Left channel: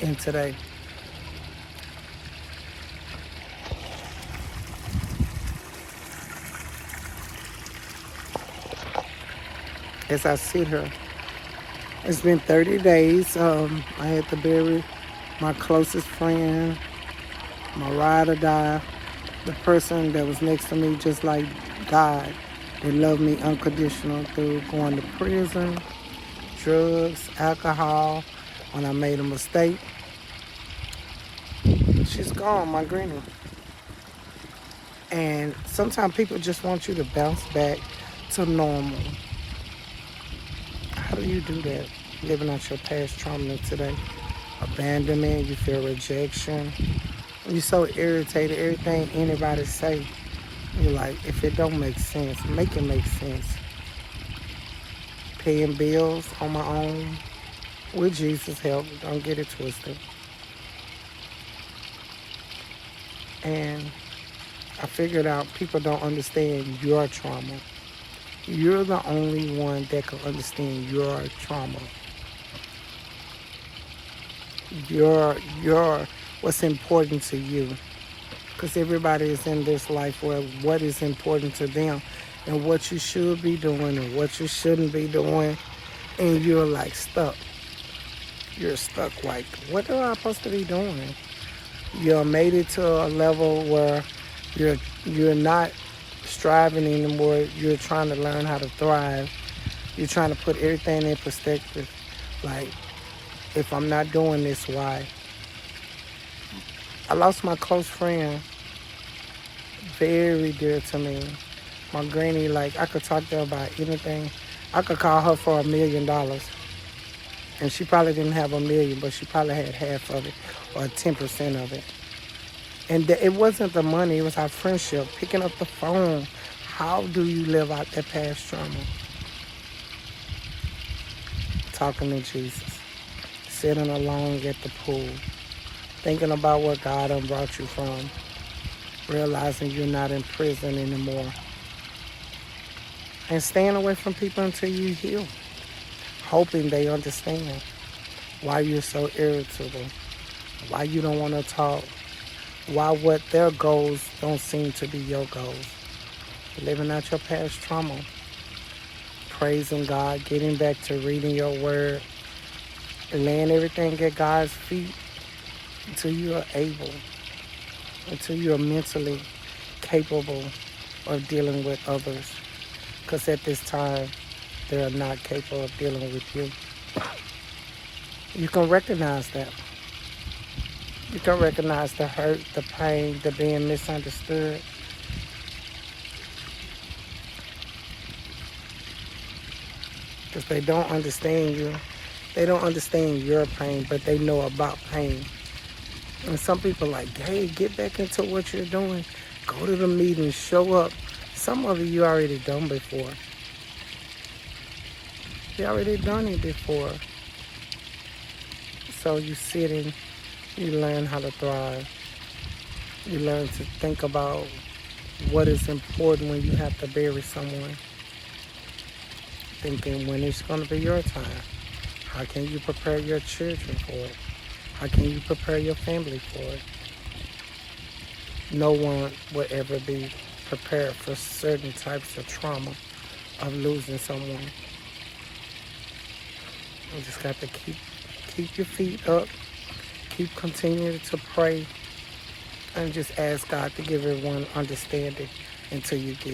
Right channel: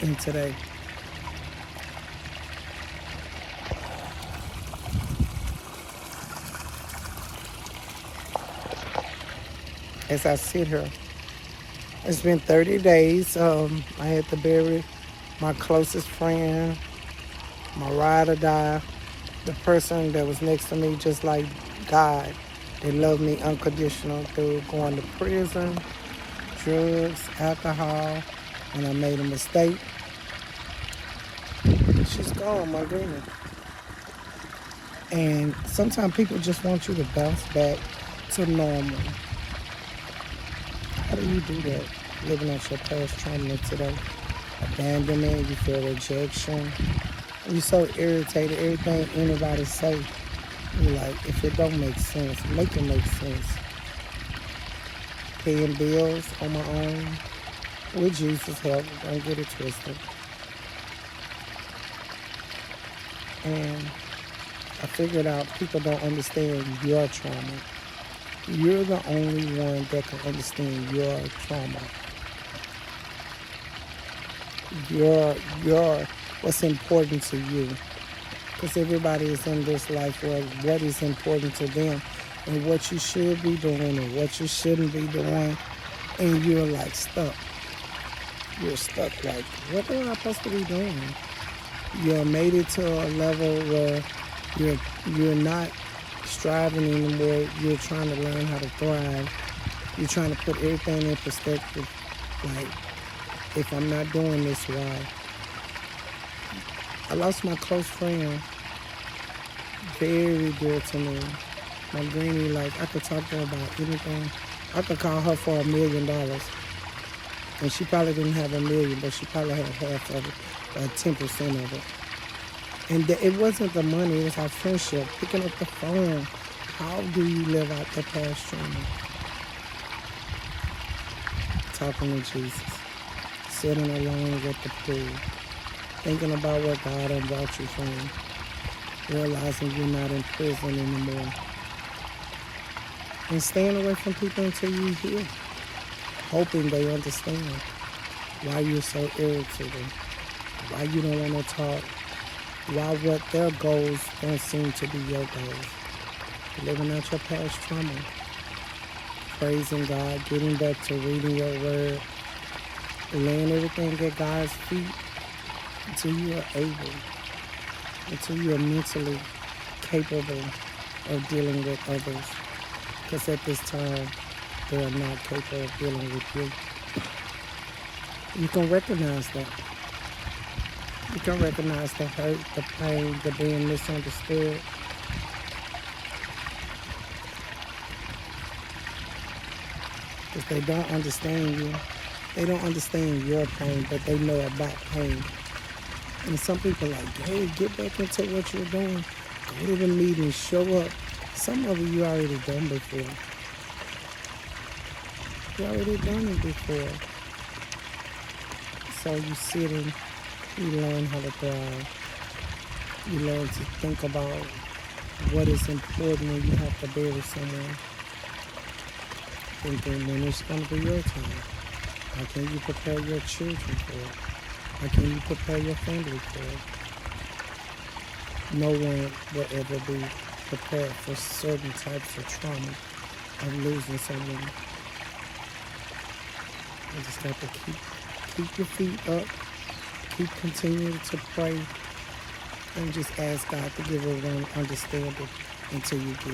in today. As I see her, it's been 30 days. I had to bury my closest friend, my ride or die, the person that was next to me just like God. They loved me unconditional through going to prison, drugs, alcohol. When I made a mistake, she's gone, my granny. And sometimes people just want you to bounce back to normal. How do you do that? Living out your past trauma today. Abandonment, you feel rejection. You're so irritated, everything anybody say. You're like, if it don't make sense, make it make sense. Paying bills on my own, with Jesus' help, don't get it twisted. And I figured out people don't understand your trauma. You're the only one that can understand your trauma. Your what's important to you. Because everybody is in this life where what is important to them and what you should be doing and what you shouldn't be doing. And you're like stuck. You're stuck like, what am I supposed to be doing? You're made it to a level where you're not striving anymore. You're trying to learn how to thrive. You're trying to put everything in perspective. Like, if I'm not doing this, why? I lost my close friend, very dear to me. My granny, like, I could talk to her about anything. I could call her for $1 million. And she probably didn't have $1 million, but she probably had half of it or 10% of it. And it wasn't the money, it was our friendship. Picking up the phone. How do you live out that past trauma? Talking to Jesus. Sitting alone at the pool. Thinking about where God has brought you from. Realizing you're not in prison anymore. And staying away from people until you heal. Hoping they understand why you're so irritated. Why you don't want to talk. Why what their goals don't seem to be your goals. Living out your past trauma. Praising God, getting back to reading your word. Laying everything at God's feet until you are able. Until you are mentally capable of dealing with others. Because at this time, they are not capable of dealing with you. You can recognize that. You can recognize the hurt, the pain, the being misunderstood. Because they don't understand you. They don't understand your pain, but they know about pain. And some people are like, hey, get back into what you're doing. Go to the meeting, show up. Some of you already done before. You already done it before. So you sit and you learn how to thrive. You learn to think about what is important when you have to bury someone. Thinking when it's going to be your time. How can you prepare your children for it? How can you prepare your family for it? No one will ever be prepared for certain types of trauma of losing someone. You just got to keep your feet up, keep continuing to pray, and just ask God to give everyone understanding until you get